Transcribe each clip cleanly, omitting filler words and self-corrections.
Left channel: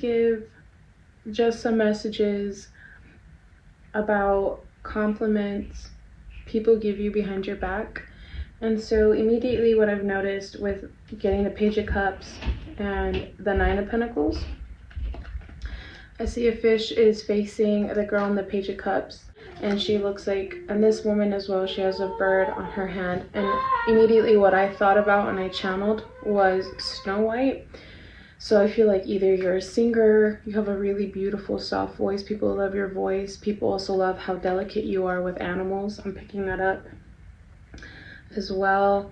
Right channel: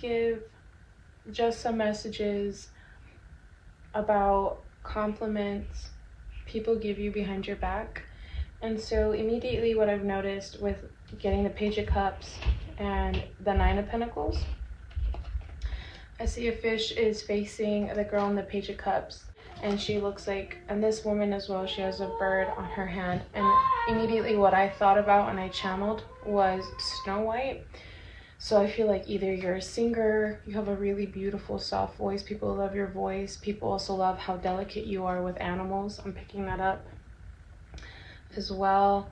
give just some messages about compliments people give you behind your back. And so immediately what I've noticed with getting the Page of Cups and the Nine of Pentacles, I see a fish is facing the girl in the Page of Cups, and she looks like, and this woman as well, she has a bird on her hand. And immediately what I thought about and I channeled was Snow White. So I feel like either you're a singer, you have a really beautiful soft voice, people love your voice, people also love how delicate you are with animals. I'm picking that up as well.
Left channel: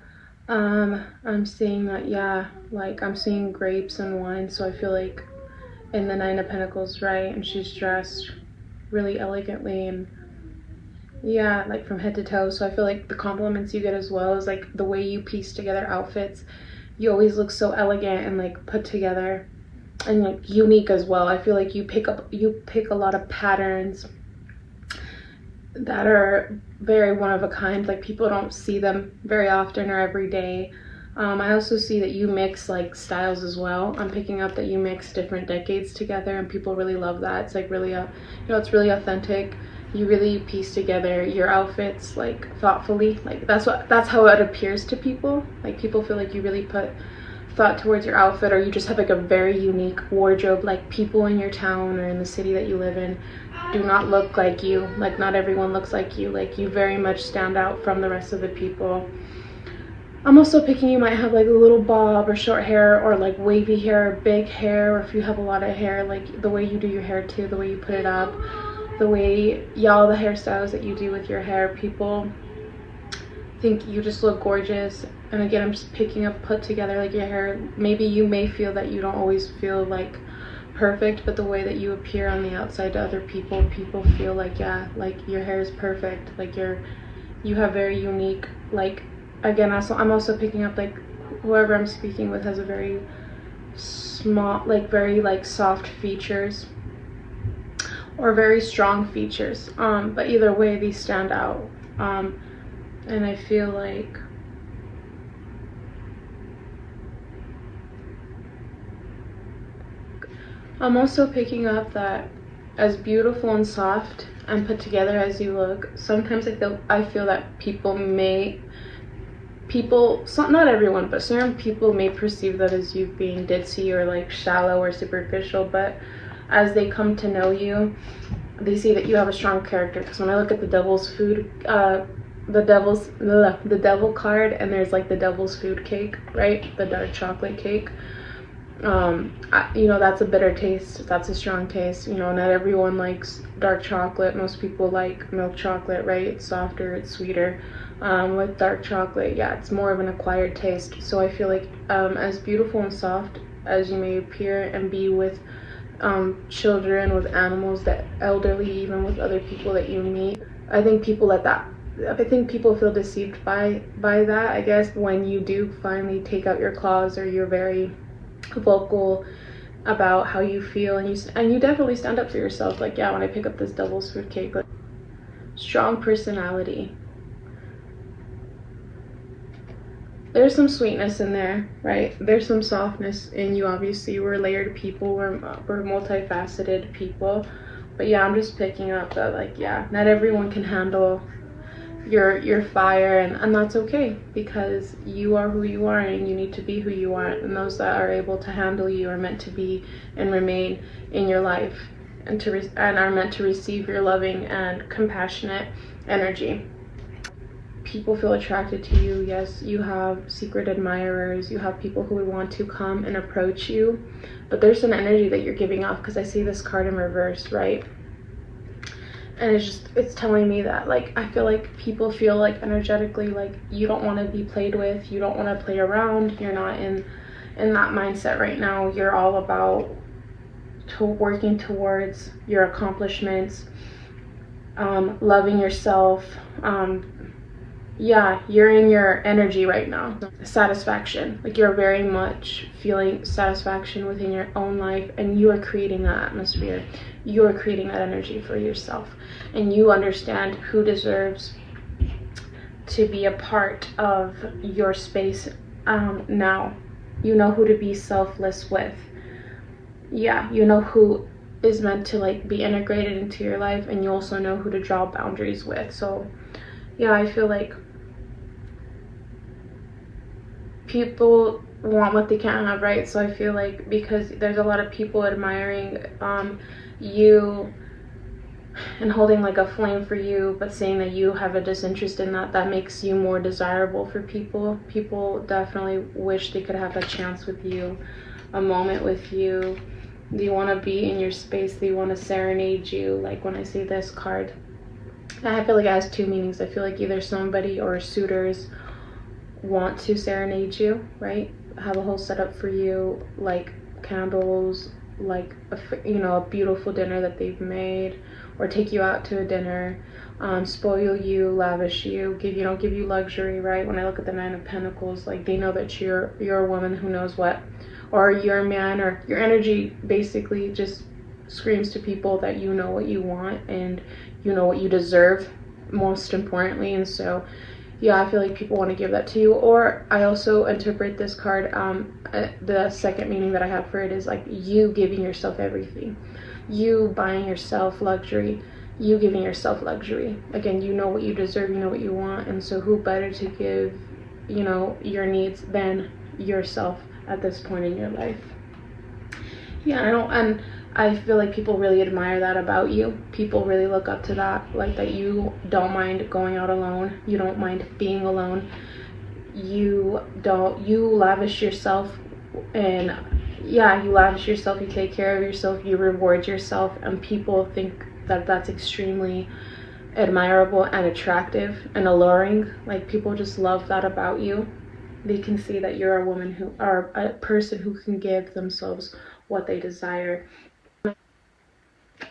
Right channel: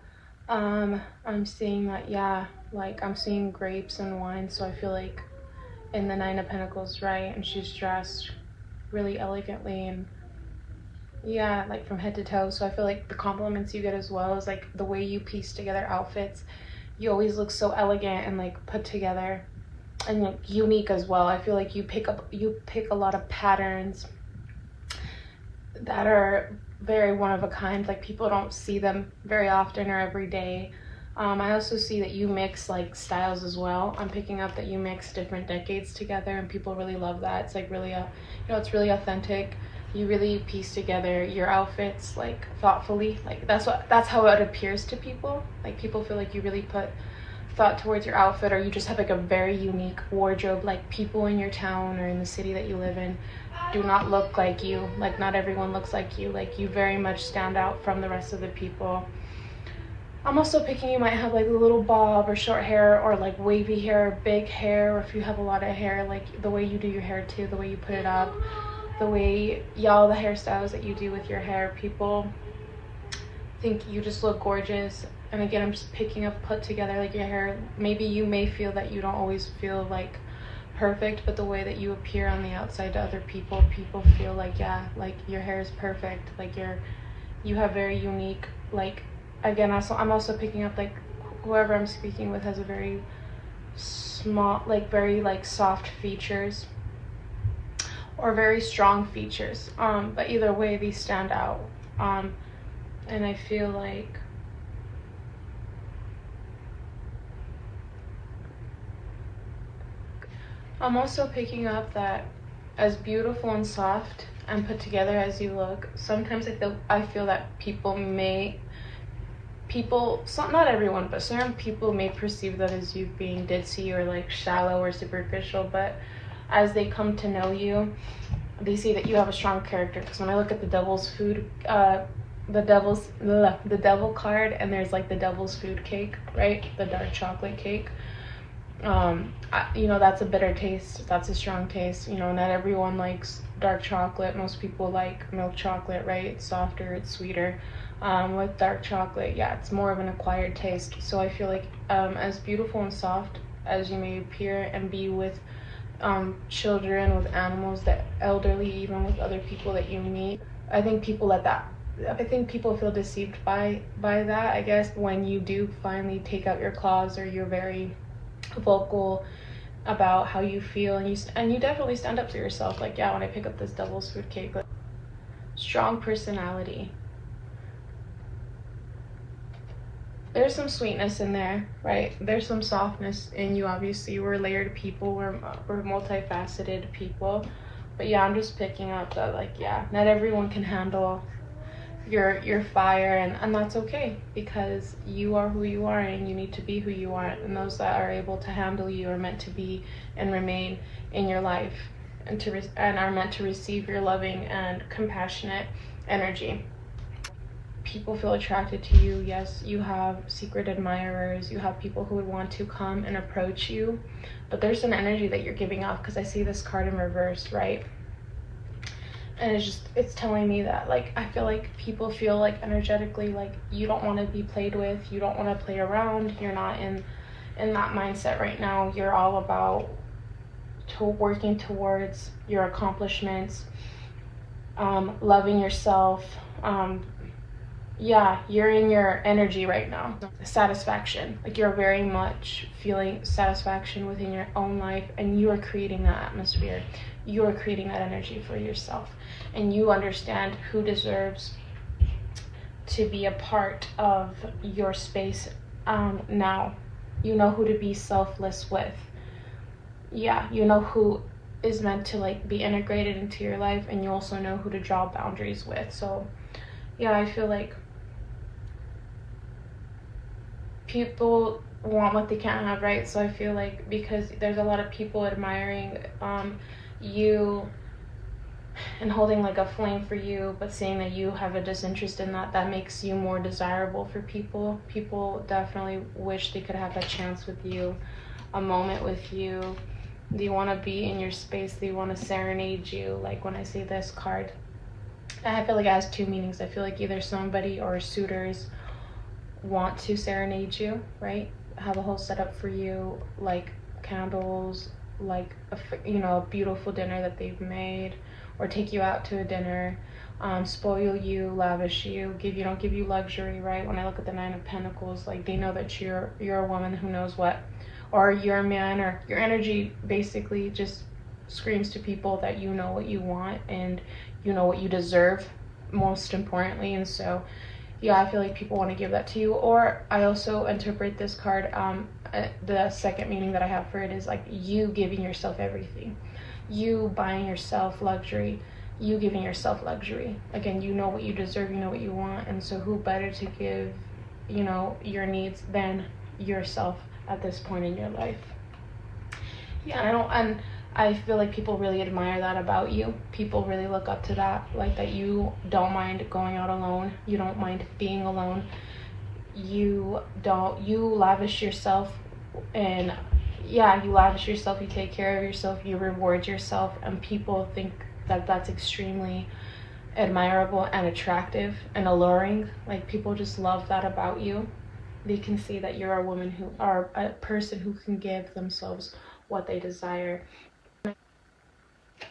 I'm seeing that, yeah, like I'm seeing grapes and wine, so I feel like in the Nine of Pentacles, right, and she's dressed really elegantly and yeah, like from head to toe. So I feel like the compliments you get as well is like the way you piece together outfits. You always look so elegant and like put together and like unique as well. I feel like you pick a lot of patterns that are very one of a kind, like people don't see them very often or every day. I also see that you mix like styles as well. I'm picking up that you mix different decades together and people really love that. It's like really it's really authentic. You really piece together your outfits like thoughtfully. Like that's how it appears to people. Like people feel like you really put thought towards your outfit, or you just have like a very unique wardrobe. Like people in your town or in the city that you live in do not look like you. Like not everyone looks like you. Like you very much stand out from the rest of the people. I'm also picking you might have like a little bob or short hair, or like wavy hair, or big hair, or if you have a lot of hair, like the way you do your hair too, the way you put it up, the way, all the hairstyles that you do with your hair, people think you just look gorgeous. And again, I'm just picking up put together like your hair. Maybe you may feel that you don't always feel like perfect, but the way that you appear on the outside to other people, people feel like, yeah, like your hair is perfect, like you have very unique, like, again, I'm also picking up like whoever I'm speaking with has a very small, like very like soft features or very strong features, but either way these stand out. And I feel like I'm also picking up that as beautiful and soft and put together as you look, sometimes I feel that not everyone, but certain people may perceive that as you being ditzy or like shallow or superficial, but as they come to know you, they see that you have a strong character. Because when I look at the devil's food, the devil card, and there's like the devil's food cake, right, the dark chocolate cake, you know, that's a bitter taste, that's a strong taste. You know, not everyone likes dark chocolate. Most people like milk chocolate, right? It's softer, it's sweeter. With dark chocolate, yeah, it's more of an acquired taste. So I feel like as beautiful and soft as you may appear and be with children, with animals, the elderly, even with other people that you meet, I think people feel deceived by that, I guess, when you do finally take out your claws, or you're very vocal about how you feel, and you definitely stand up for yourself. Like, yeah, when I pick up this devil's fruit cake, like, strong personality. There's some sweetness in there, right? There's some softness in you. Obviously, we're layered people, we're multifaceted people. But yeah, I'm just picking up that, like, yeah, not everyone can handle your fire, and that's okay, because you are who you are and you need to be who you are, and those that are able to handle you are meant to be and remain in your life, and are meant to receive your loving and compassionate energy. People feel attracted to you. Yes, you have secret admirers, you have people who would want to come and approach you, but there's an energy that you're giving off, because I see this card in reverse, right? And it's telling me that, like, I feel like people feel like energetically like you don't want to be played with, you don't want to play around, you're not in that mindset right now. You're all about working towards your accomplishments, loving yourself. Yeah, you're in your energy right now. Satisfaction, like you're very much feeling satisfaction within your own life, and you are creating that atmosphere. You are creating that energy for yourself, and you understand who deserves to be a part of your space now. You know who to be selfless with. yeah, you know who is meant to like be integrated into your life, and you also know who to draw boundaries with. So yeah, I feel like people want what they can't have, right? So I feel like because there's a lot of people admiring you and holding like a flame for you, but saying that you have a disinterest in that, that makes you more desirable for people. People definitely wish they could have a chance with you, a moment with you. Do you want to be in your space? Do you want to serenade you? Like when I say this card, I feel like it has two meanings. I feel like either somebody or suitors want to serenade you, right? Have a whole setup for you, like candles, like a beautiful dinner that they've made, or take you out to a dinner, spoil you, lavish you, give you luxury, right? When I look at the Nine of Pentacles, like they know that you're a woman who knows what, or you're a man, or your energy basically just screams to people that you know what you want and you know what you deserve, most importantly. And so yeah, I feel like people want to give that to you. Or I also interpret this card, the second meaning that I have for it is like you giving yourself everything, you buying yourself luxury, you giving yourself luxury. Again, you know what you deserve, you know what you want, and so who better to give, your needs than yourself at this point in your life. Yeah, and I feel like people really admire that about you. People really look up to that, like that you don't mind going out alone, you don't mind being alone, you lavish yourself, and yeah, you lavish yourself, you take care of yourself, you reward yourself, and people think that that's extremely admirable and attractive and alluring. Like people just love that about you. They can see that you're a woman who are a person who can give themselves what they desire.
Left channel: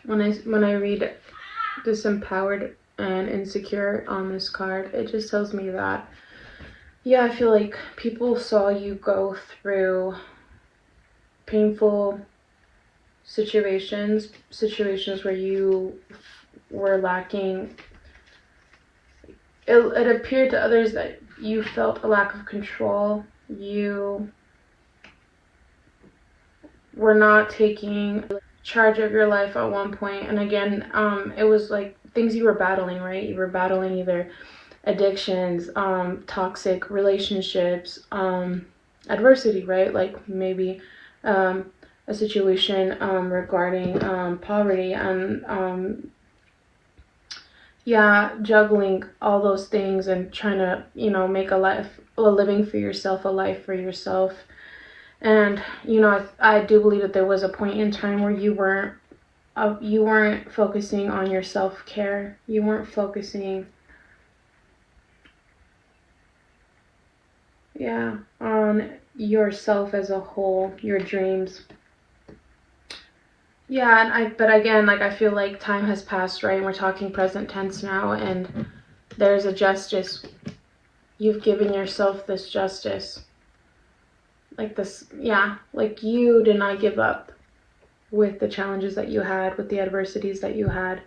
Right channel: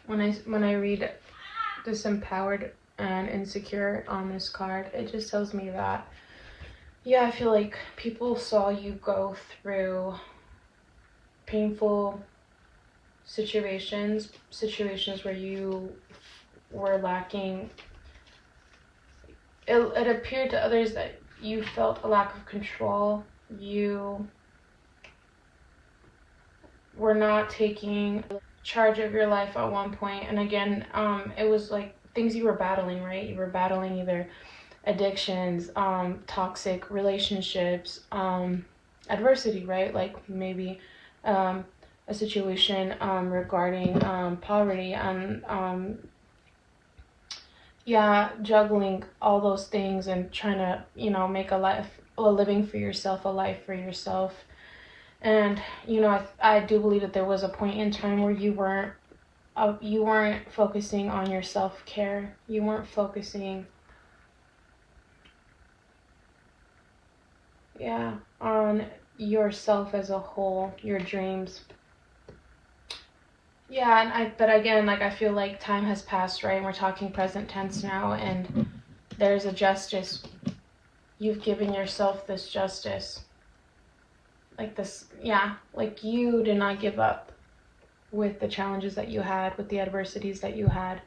When I read disempowered and insecure on this card, it just tells me that, yeah, I feel like people saw you go through painful situations where you were lacking. It appeared to others that you felt a lack of control. You were not taking charge of your life at one point. And again, it was like things you were battling, right? You were battling either addictions, toxic relationships, adversity, right? Like maybe a situation regarding poverty, and yeah, juggling all those things and trying to, make a living for yourself, a life for yourself. And I do believe that there was a point in time where you weren't focusing on your self-care. You weren't focusing on yourself as a whole, your dreams. Yeah, but again, like I feel like time has passed, right? And we're talking present tense now, and there's a justice. You've given yourself this justice. Like this, yeah, like you did not give up with the challenges that you had, with the adversities that you had.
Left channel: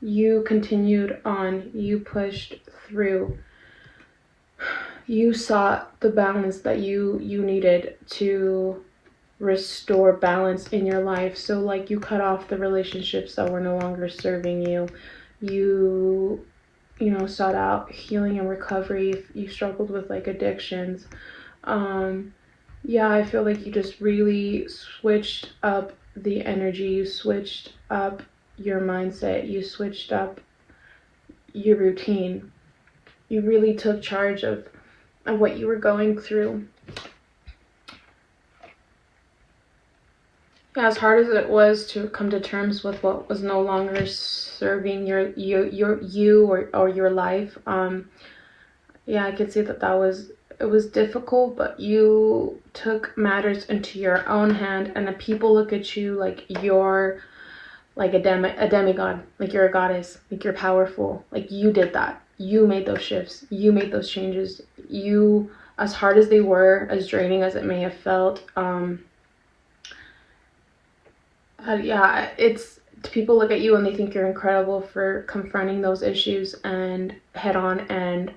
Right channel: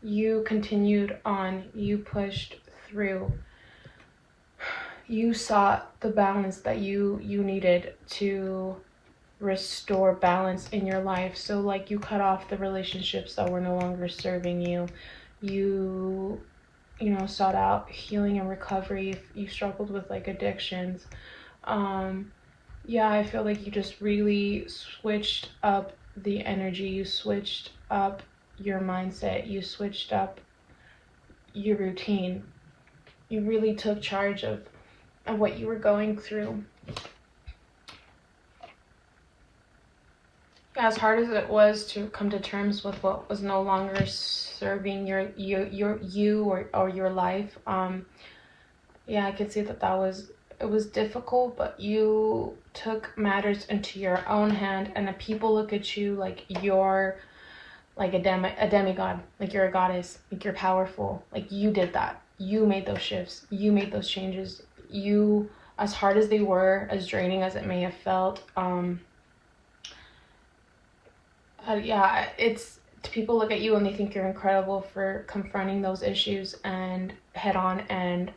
You continued on, you pushed through. You sought the balance that you needed to restore balance in your life. So like you cut off the relationships that were no longer serving you. You sought out healing and recovery. You struggled with like addictions. Yeah, I feel like you just really switched up the energy, you switched up your mindset, you switched up your routine. You really took charge of what you were going through. Yeah, as hard as it was to come to terms with what was no longer serving you or your life, yeah, I could see that it was difficult, but you took matters into your own hand, and the people look at you like you're like a demigod, like you're a goddess, like you're powerful, like you did that. You made those shifts, you made those changes. You, as hard as they were, as draining as it may have felt, yeah, it's people look at you and they think you're incredible for confronting those issues and head on and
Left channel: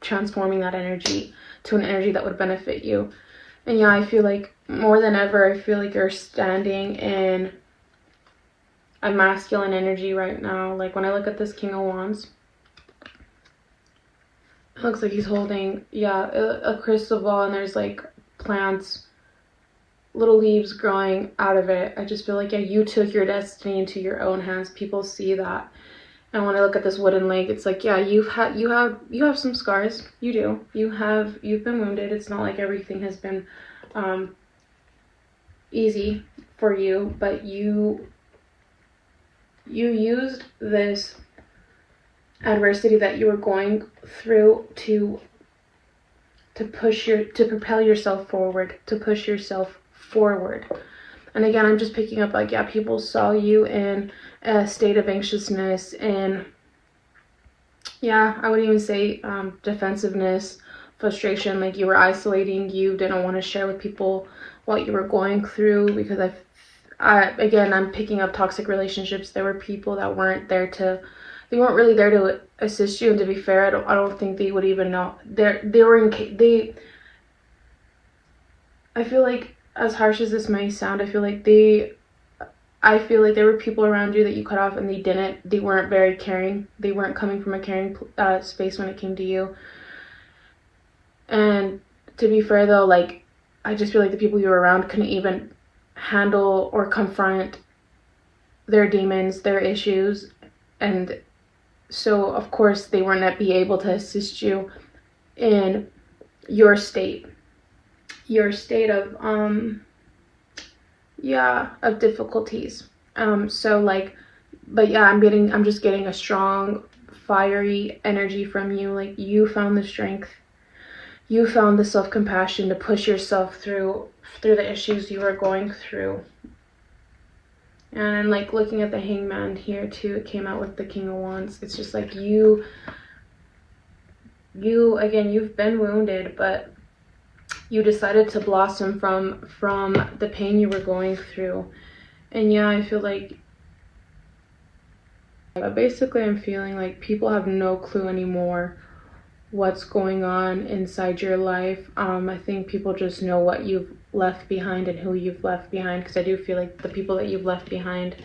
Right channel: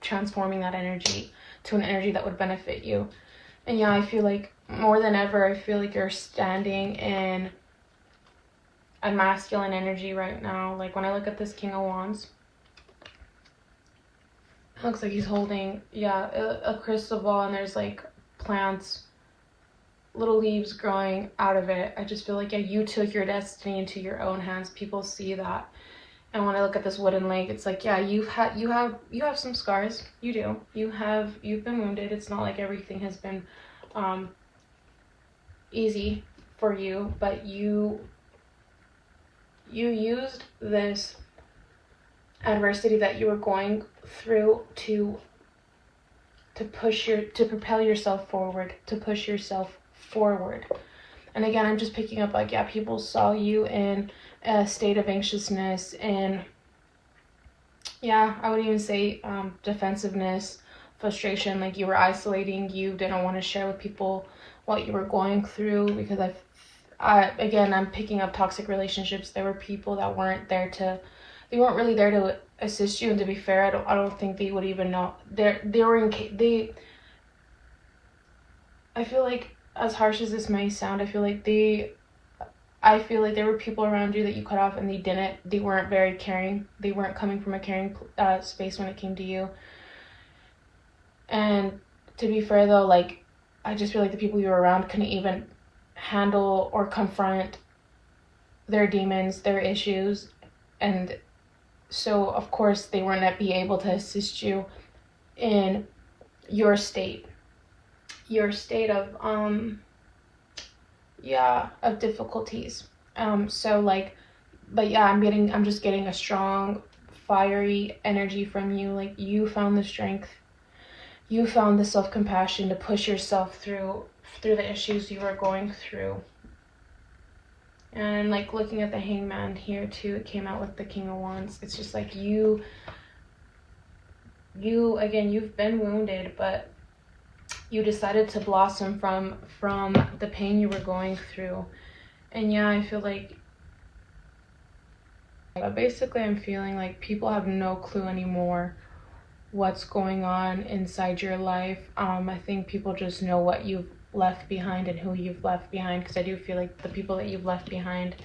transforming that energy to an energy that would benefit you. And yeah, I feel like more than ever, I feel like you're standing in a masculine energy right now. Like when I look at this King of Wands, it looks like he's holding, yeah, a crystal ball, and there's like plants, little leaves growing out of it. I just feel like, yeah, you took your destiny into your own hands. People see that. And when I look at this wooden leg, it's like, yeah, you have some scars. You do. You've been wounded. It's not like everything has been easy for you, but you used this adversity that you were going through to propel yourself forward, to push yourself forward. And again, I'm just picking up like, yeah, people saw you in a state of anxiousness and, yeah, I would even say defensiveness, frustration, like you were isolating, you didn't want to share with people what you were going through, because I'm picking up toxic relationships. There were people that weren't really there to assist you, and to be fair, I don't think they would even know. I feel like, as harsh as this may sound, I feel like there were people around you that you cut off, and they weren't very caring. They weren't coming from a caring space when it came to you. And to be fair though, like, I just feel like the people you were around couldn't even handle or confront their demons, their issues, and so of course they weren't be able to assist you in your state of of difficulties. So like, but yeah, I'm just getting a strong, fiery energy from you. Like, you found the strength, you found the self-compassion to push yourself through the issues you were going through. And I'm like looking at the Hangman here too. It came out with the King of Wands. It's just like you again, you've been wounded, but you decided to blossom from the pain you were going through. And yeah, I feel like basically I'm feeling like people have no clue anymore what's going on inside your life. I think people just know what you've left behind and who you've left behind, because I do feel like the people that you've left behind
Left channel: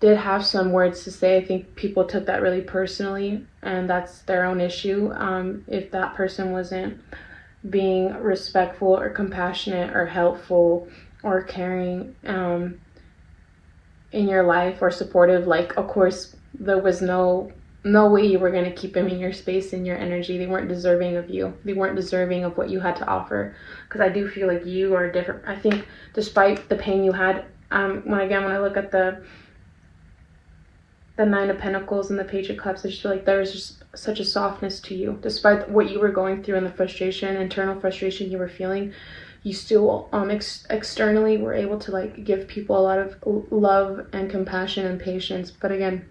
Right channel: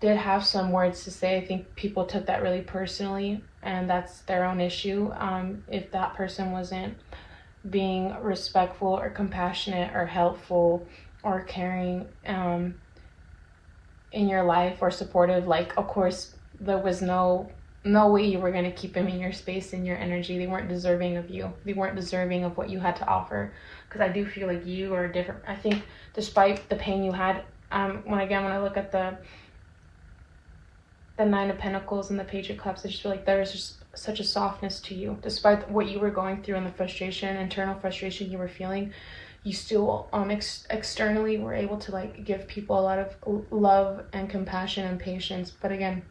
did have some words to say. I think people took that really personally, and that's their own issue. If that person wasn't being respectful or compassionate or helpful or caring in your life, or supportive, like, of course there was no way you were going to keep them in your space and your energy. They weren't deserving of you. They weren't deserving of what you had to offer, because I do feel like you are different. I think despite the pain you had, when I look at the Nine of Pentacles and the Page of Cups, I just feel like there was just such a softness to you. Despite what you were going through and the frustration, internal frustration you were feeling, you still externally were able to like give people a lot of love and compassion and patience. But again,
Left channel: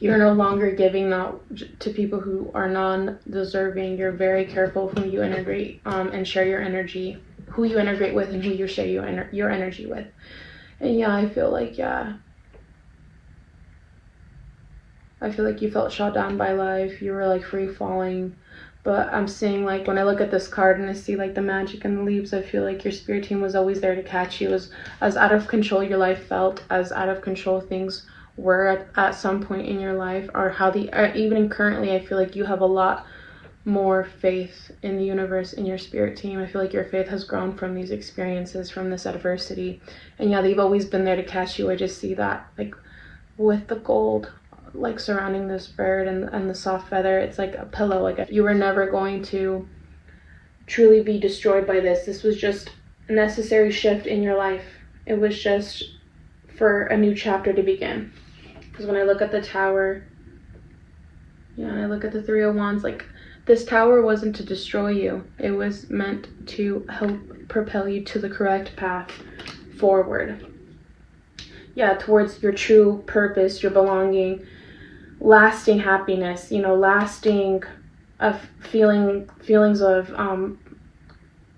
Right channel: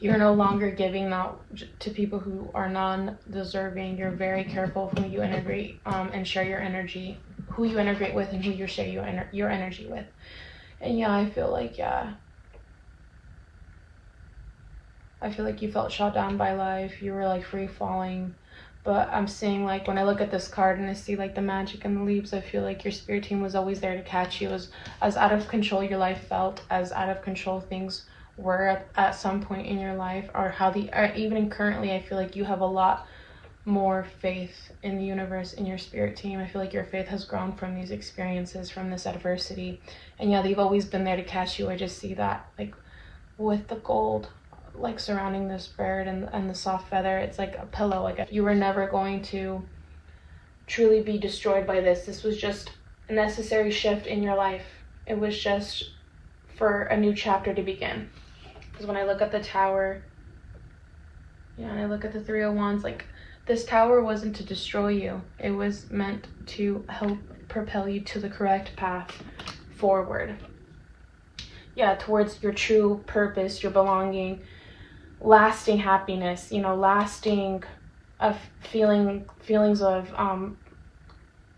you're no longer giving that to people who are non-deserving. You're very careful who you integrate and share your energy, who you integrate with, and who you share your energy with. And yeah, I feel like you felt shot down by life. You were like free falling. But I'm seeing, like, when I look at this card and I see like the magic and the leaves, I feel like your spirit team was always there to catch you. As out of control your life felt, as out of control things were at some point in your life, or even currently, I feel like you have a lot more faith in the universe, in your spirit team. I feel like your faith has grown from these experiences, from this adversity. And yeah, they've always been there to catch you. I just see that, like, with the gold like surrounding this bird and the soft feather. It's like a pillow. Like, you were never going to truly be destroyed by this. This was just a necessary shift in your life. It was just for a new chapter to begin. Because when I look at the Tower, and I look at the Three of Wands, like, this Tower wasn't to destroy you. It was meant to help propel you to the correct path forward. Yeah, towards your true purpose, your belonging, lasting happiness, lasting feelings of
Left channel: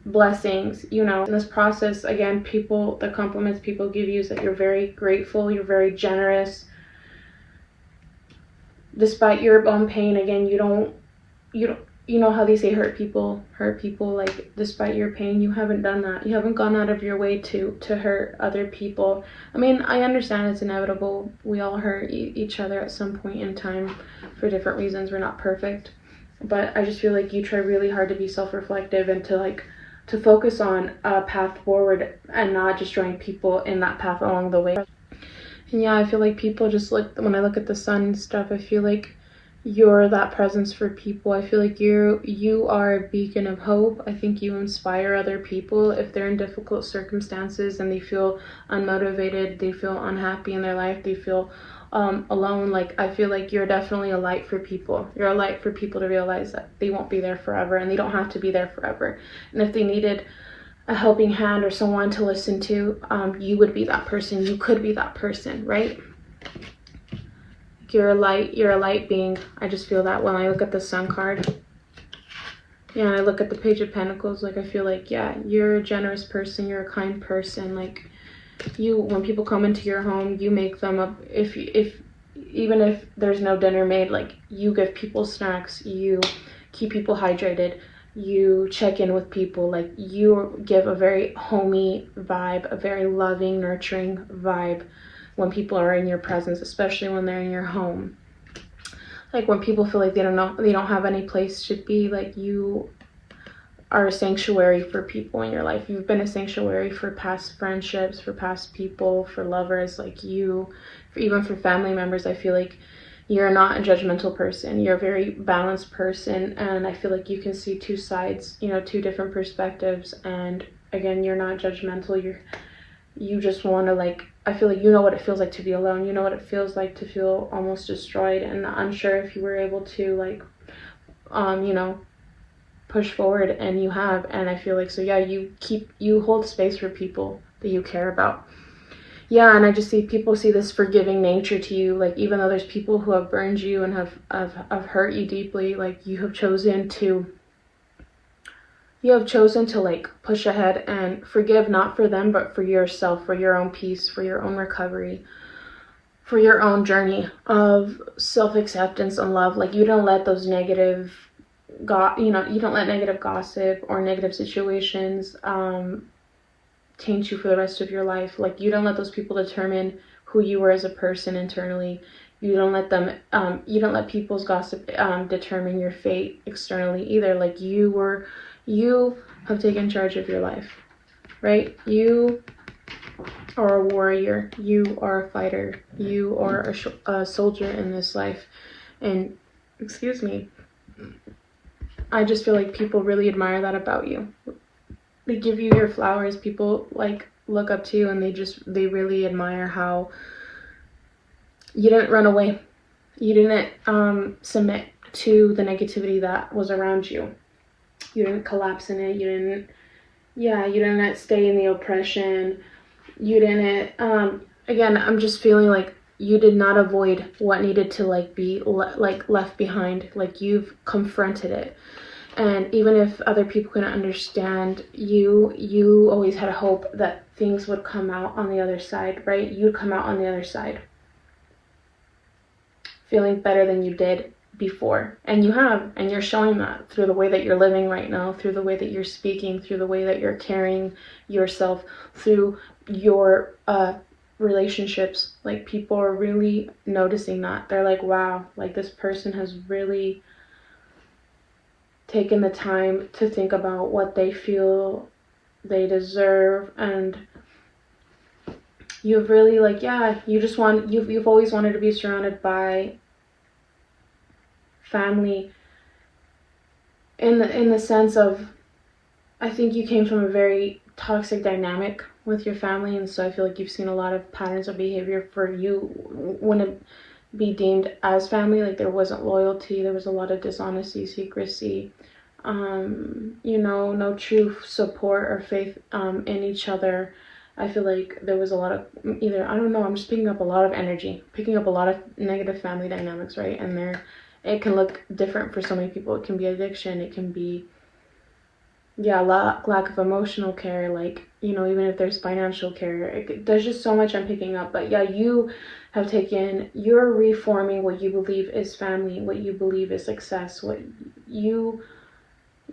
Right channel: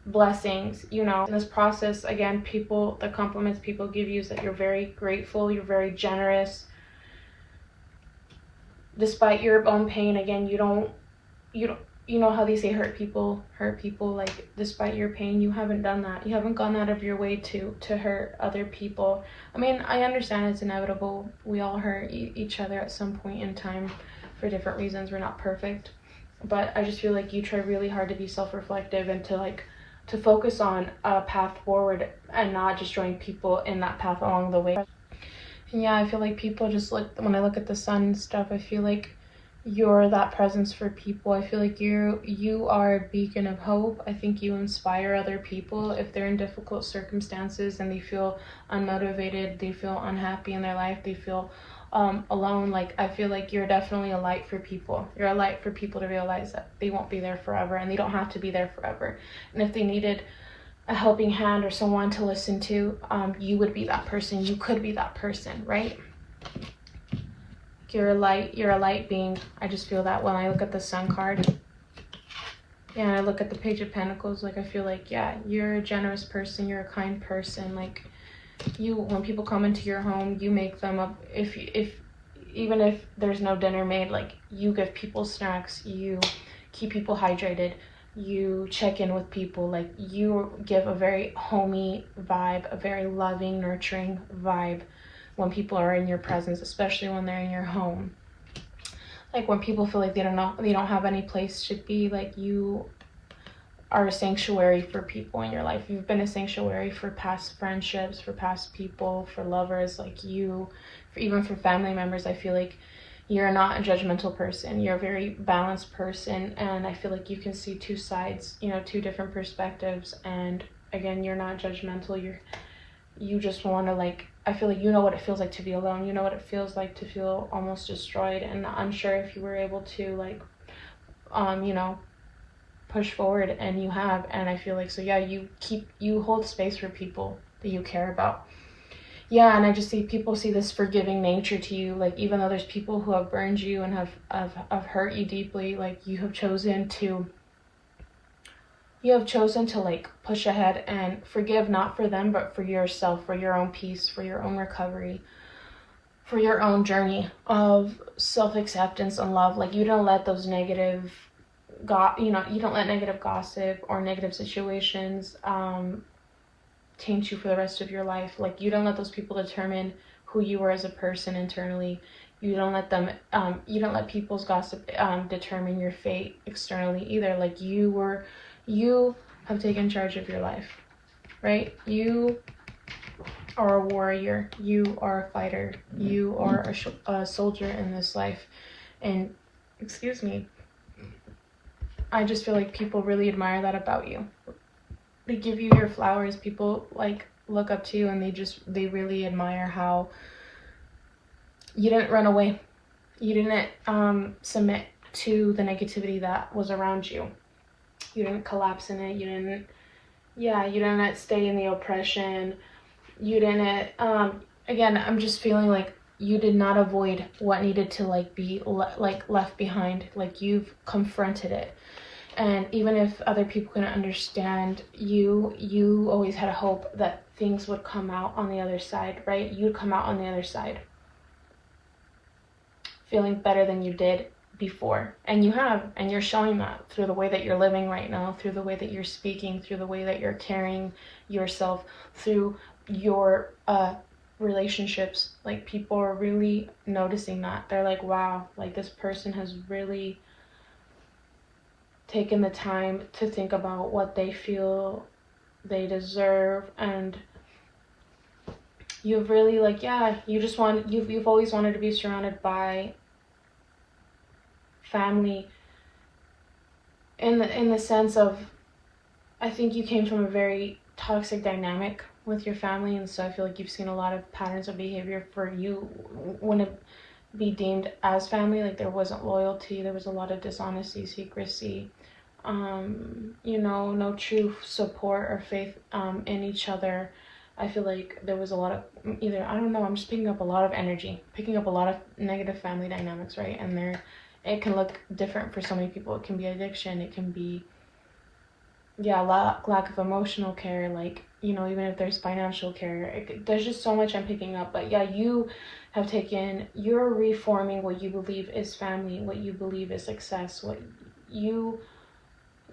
blessings, in this process. Again, the compliments people give you is that you're very grateful, you're very generous. Despite your own pain, again, you don't you know how they say hurt people, like, despite your pain, you haven't done that. You haven't gone out of your way to hurt other people. I mean, I understand it's inevitable. We all hurt each other at some point in time for different reasons. We're not perfect. But I just feel like you try really hard to be self-reflective and to focus on a path forward and not just join people in that path along the way. And yeah, I feel like people just like, when I look at the sun and stuff, I feel like you're that presence for people. I feel like you are a beacon of hope. I think you inspire other people if they're in difficult circumstances and they feel unmotivated, they feel unhappy in their life, they feel alone. Like, I feel like you're definitely a light for people. You're a light for people to realize that they won't be there forever, and they don't have to be there forever. And if they needed a helping hand or someone to listen to, you would be that person. You could be that person, right? You're a light being. I just feel that when I look at the Sun card. Yeah, I look at the Page of Pentacles, like, I feel like, yeah, you're a generous person, you're a kind person. Like, you, when people come into your home, you make them up. If even if there's no dinner made, like, you give people snacks, you keep people hydrated, you check in with people, like, you give a very homey vibe, a very loving, nurturing vibe when people are in your presence, especially when they're in your home. Like, when people feel like they don't have any place to be, like, you are a sanctuary for people in your life. You've been a sanctuary for past friendships, for past people, for lovers, like, even for family members. I feel like you're not a judgmental person. You're a very balanced person, and I feel like you can see two sides, two different perspectives. And again, you're not judgmental. You just want to, like, I feel like you know what it feels like to be alone. You know what it feels like to feel almost destroyed and unsure if you were able to, like, push forward, and you have. And I feel like, so yeah, you hold space for people that you care about. Yeah, and I just see people see this forgiving nature to you. Like, even though there's people who have burned you and have hurt you deeply, like, you have chosen to like push ahead and forgive, not for them, but for yourself, for your own peace, for your own recovery, for your own journey of self-acceptance and love. Like, you don't let those negative you don't let negative gossip or negative situations taint you for the rest of your life. Like, you don't let those people determine who you are as a person internally. You don't let people's gossip determine your fate externally either. Like, you have taken charge of your life, right? You are a warrior. You are a fighter. You are a soldier in this life. And, excuse me, I just feel like people really admire that about you. They give you your flowers. People, like, look up to you, and they really admire how you didn't run away. You didn't submit to the negativity that was around you. You didn't collapse in it. You didn't stay in the oppression. You didn't, again, I'm just feeling like you did not avoid what needed to, like, be left behind. Like, you've confronted it. And even if other people couldn't understand, you always had a hope that things would come out on the other side, right? You'd come out on the other side feeling better than you did before. And you have, and you're showing that through the way that you're living right now, through the way that you're speaking, through the way that you're carrying yourself, through your relationships. Like, people are really noticing that. They're like, wow, like, this person has really taken the time to think about what they feel they deserve. And you've really, like, yeah, you've always wanted to be surrounded by family in the sense of, I think you came from a very toxic dynamic with your family, and so I feel like you've seen a lot of patterns of behavior for you wouldn't be deemed as family. Like, there wasn't loyalty, there was a lot of dishonesty, secrecy, no true support or faith in each other. I feel like there was a lot of I'm just picking up a lot of energy, picking up a lot of negative family dynamics, right? And it can look different for so many people. It can be addiction, it can be lack of emotional care, like, even if there's financial care. There's just so much I'm picking up. But yeah, you're reforming what you believe is family, what you believe is success, what you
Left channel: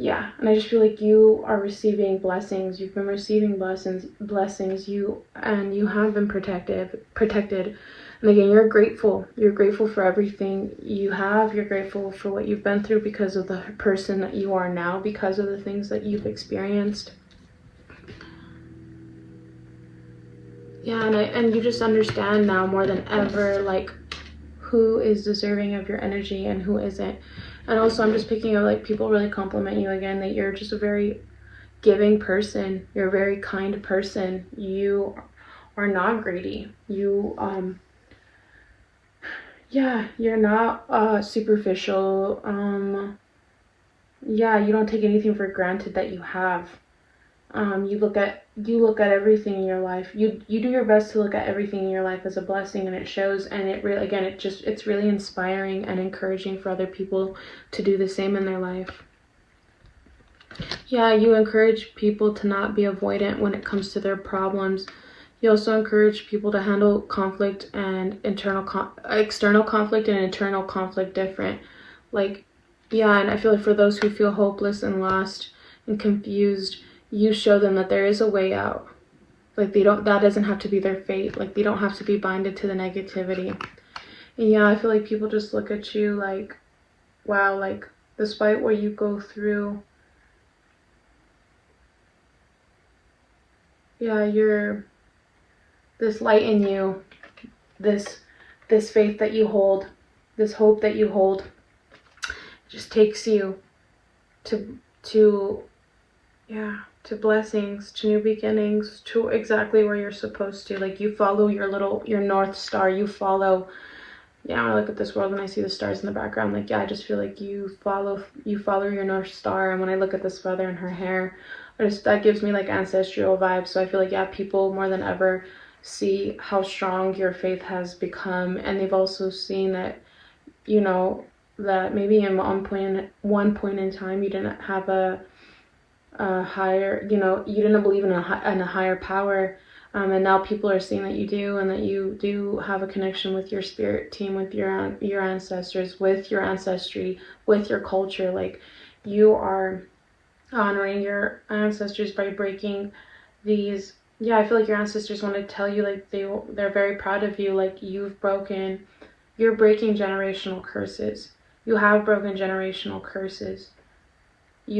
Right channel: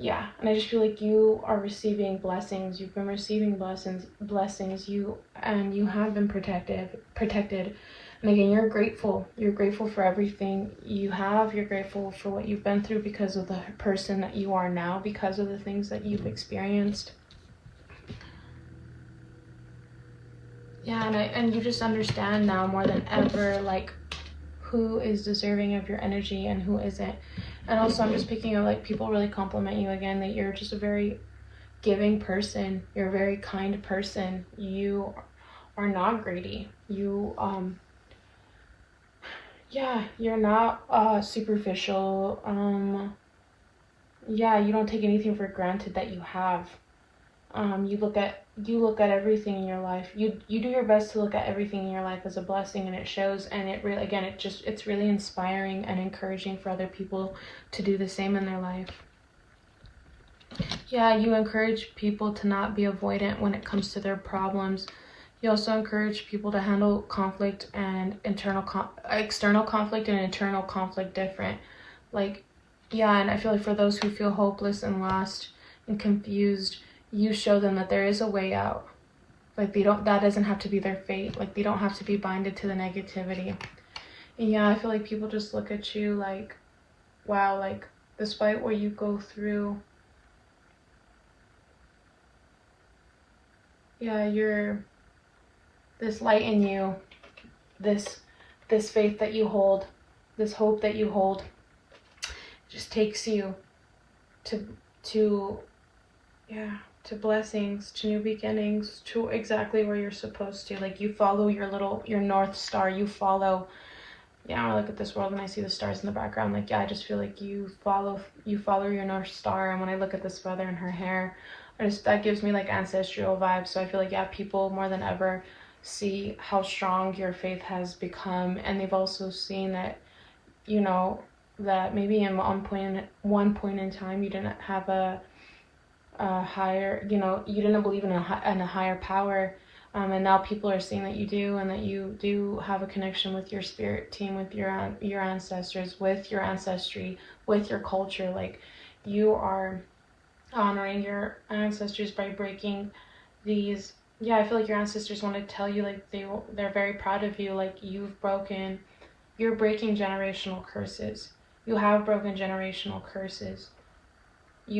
yeah, and I just feel like you are receiving blessings. You've been receiving blessings. You have been protected. And again, you're grateful. You're grateful for everything you have. You're grateful for what you've been through because of the person that you are now, because of the things that you've experienced. Yeah, and you just understand now more than ever, like, who is deserving of your energy and who isn't. And also, I'm just picking up, like, people really compliment you again, that you're just a very giving person. You're a very kind person. You are not greedy. You, yeah, you're not superficial. Yeah, you don't take anything for granted that you have. You look at everything in your life. You do your best to look at everything in your life as a blessing, and it shows. And it really, again, it's really inspiring and encouraging for other people to do the same in their life. Yeah, you encourage people to not be avoidant when it comes to their problems. You also encourage people to handle conflict and external conflict and internal conflict different. Like, yeah, and I feel like for those who feel hopeless and lost and confused, you show them that there is a way out. Like, that doesn't have to be their fate. Like, they don't have to be binded to the negativity. And yeah, I feel like people just look at you like, wow, like, despite what you go through, yeah, you're this light in you, this faith that you hold, this hope that you hold, just takes you to blessings, to new beginnings, to exactly where you're supposed to. Like, you follow your North Star. You follow, when I look at this world and I see the stars in the background, like, I just feel like you follow your North Star. And when I look at this feather in her hair, that gives me like ancestral vibes. So I feel like, people more than ever see how strong your faith has become. And they've also seen that, that maybe in one point in time, you didn't have a higher, you didn't believe in a higher power, and now people are seeing that you do, and that you do have a connection with your spirit team, with your ancestors, with your ancestry, with your culture. Like, you are honoring your ancestors by breaking these. I feel like your ancestors want to tell you, like, they're very proud of you. Like, you're breaking generational curses. You have broken generational curses. They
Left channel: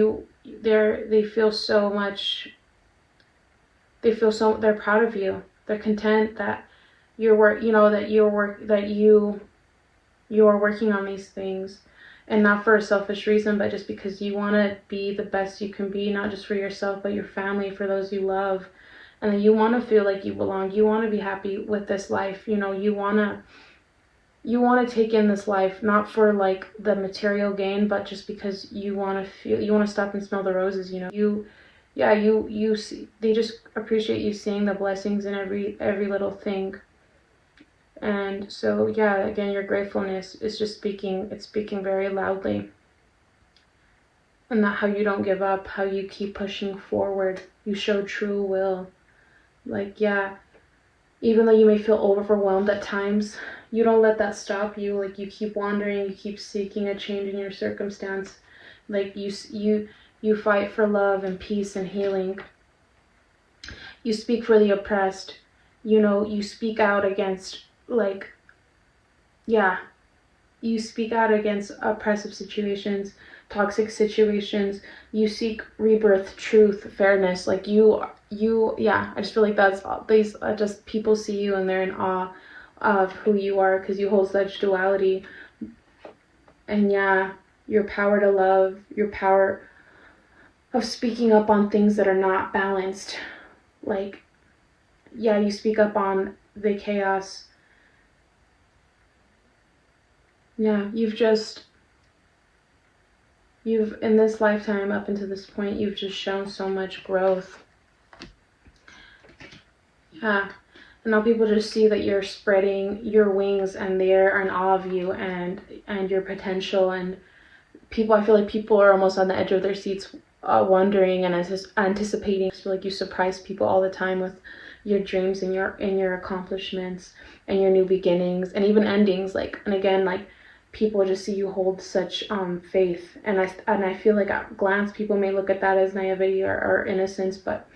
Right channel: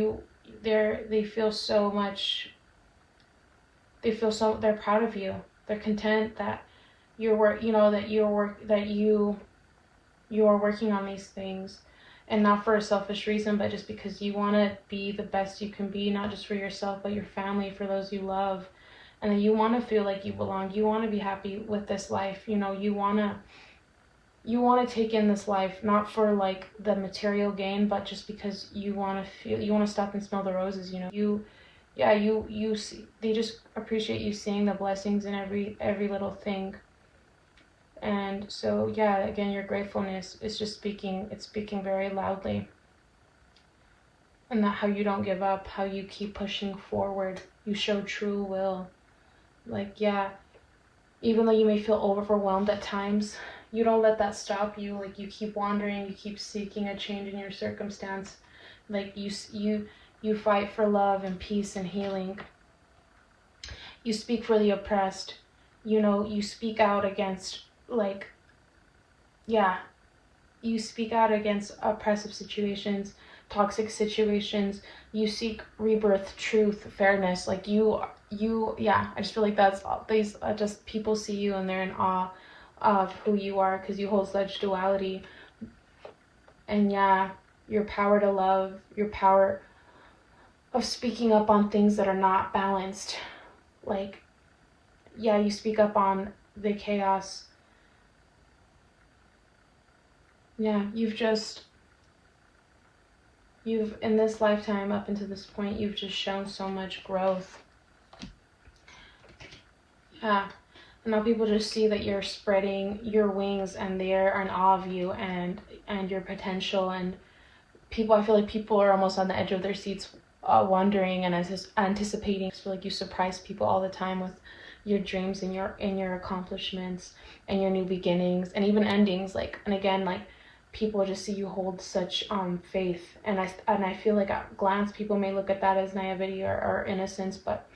feel they're proud of you. They're content that you are working on these things, and not for a selfish reason, but just because you want to be the best you can be, not just for yourself, but your family, for those you love. And then you want to feel like you belong. You want to be happy with this life. You want to take in this life, not for like the material gain, but just because you want to stop and smell the roses. They just appreciate you seeing the blessings in every little thing. And so, again, your gratefulness is just speaking very loudly. And that how you don't give up, how you keep pushing forward. You show true will. Like, even though you may feel overwhelmed at times, you don't let that stop you. Like, you keep wandering, you keep seeking a change in your circumstance. Like, you fight for love and peace and healing. You speak for the oppressed. You speak out against, you speak out against oppressive situations, toxic situations. You seek rebirth, truth, fairness. Like, I just feel like that's these just people see you and they're in awe of who you are, because you hold such duality. And your power to love, your power of speaking up on things that are not balanced. Like, you speak up on the chaos. You've in this lifetime, up until this point, you've just shown so much growth. And now people just see that you're spreading your wings, and they're in awe of you and your potential. And I feel like people are almost on the edge of their seats, wondering and anticipating. I feel like you surprise people all the time with your dreams and your accomplishments and your new beginnings and even endings. Like, and again, like, people just see you hold such faith, and I feel like at a glance people may look at that as naivety or innocence, but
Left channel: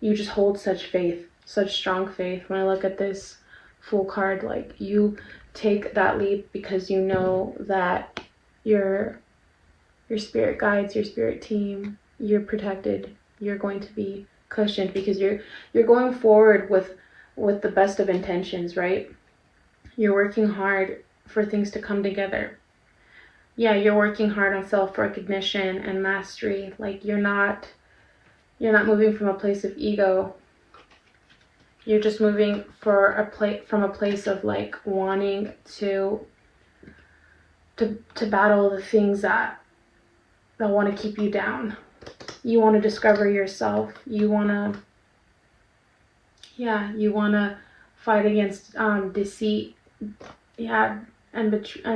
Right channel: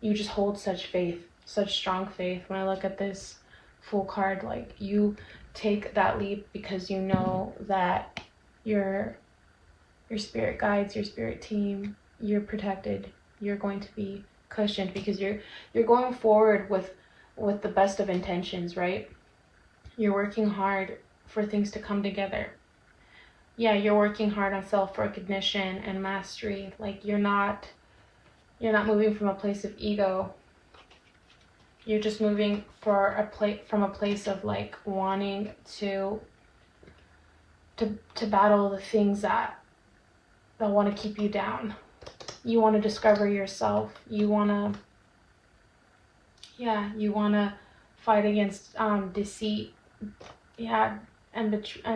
you just hold such faith, such strong faith. When I look at this Fool card, like, you take that leap because you know that your spirit guides, your spirit team, you're protected, you're going to be cushioned, because you're going forward with the best of intentions, right? You're working hard for things to come together. Yeah, you're working hard on self-recognition and mastery. Like, you're not moving from a place of ego. You're just moving from a place of like wanting to battle the things that want to keep you down. You want to discover yourself. You want to fight against deceit, and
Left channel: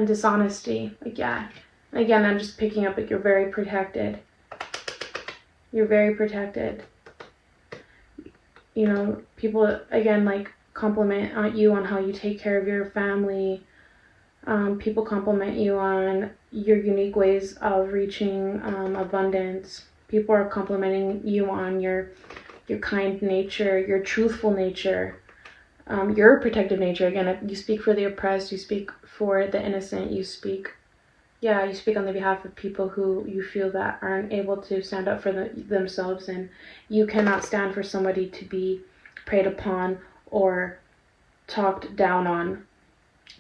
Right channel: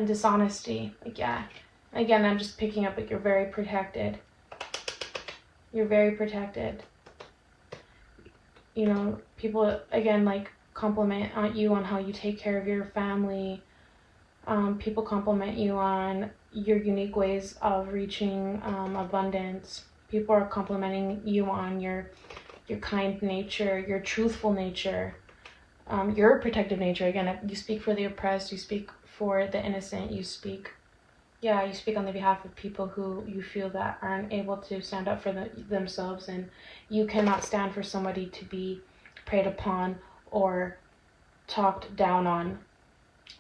dishonesty. Like, again, I'm just picking up that you're very protected. You're very protected. You know, people, again, like, compliment you on how you take care of your family. People compliment you on your unique ways of reaching abundance. People are complimenting you on your kind nature, your truthful nature, your protective nature. Again, if you speak for the oppressed, you speak for the innocent, you speak on the behalf of people who you feel that aren't able to stand up for themselves, and you cannot stand for somebody to be preyed upon or talked down on,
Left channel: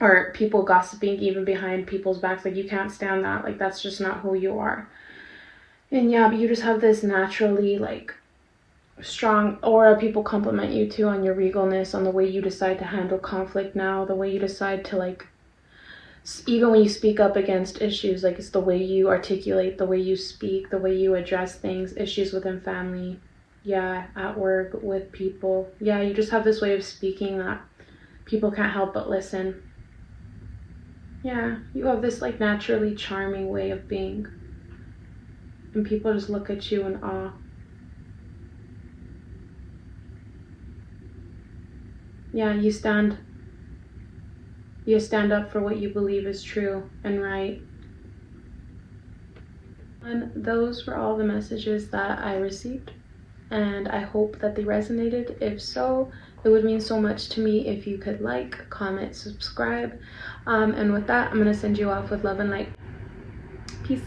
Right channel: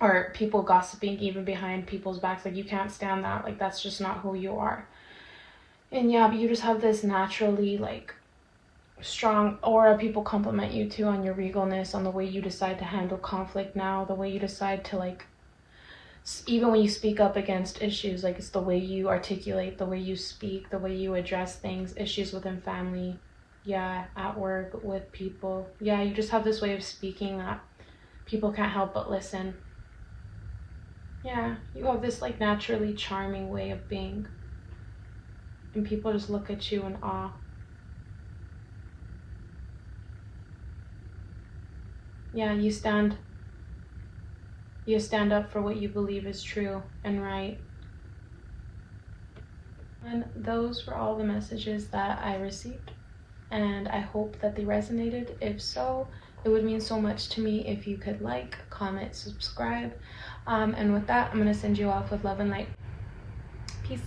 or people gossiping even behind people's backs. Like, you can't stand that. Like, that's just not who you are. And but you just have this naturally, like, strong aura. People compliment you too on your regalness, on the way you decide to handle conflict now, the way you decide to, like, even when you speak up against issues, like, it's the way you articulate, the way you speak, the way you address things, issues within family, at work, with people. You just have this way of speaking that people can't help but listen. You have this, like, naturally charming way of being, and people just look at you in awe. You stand up for what you believe is true and right. And those were all the messages that I received, and I hope that they resonated. If so, it would mean so much to me if you could like, comment, subscribe. And with that, I'm going to send you off with love and light. Peace.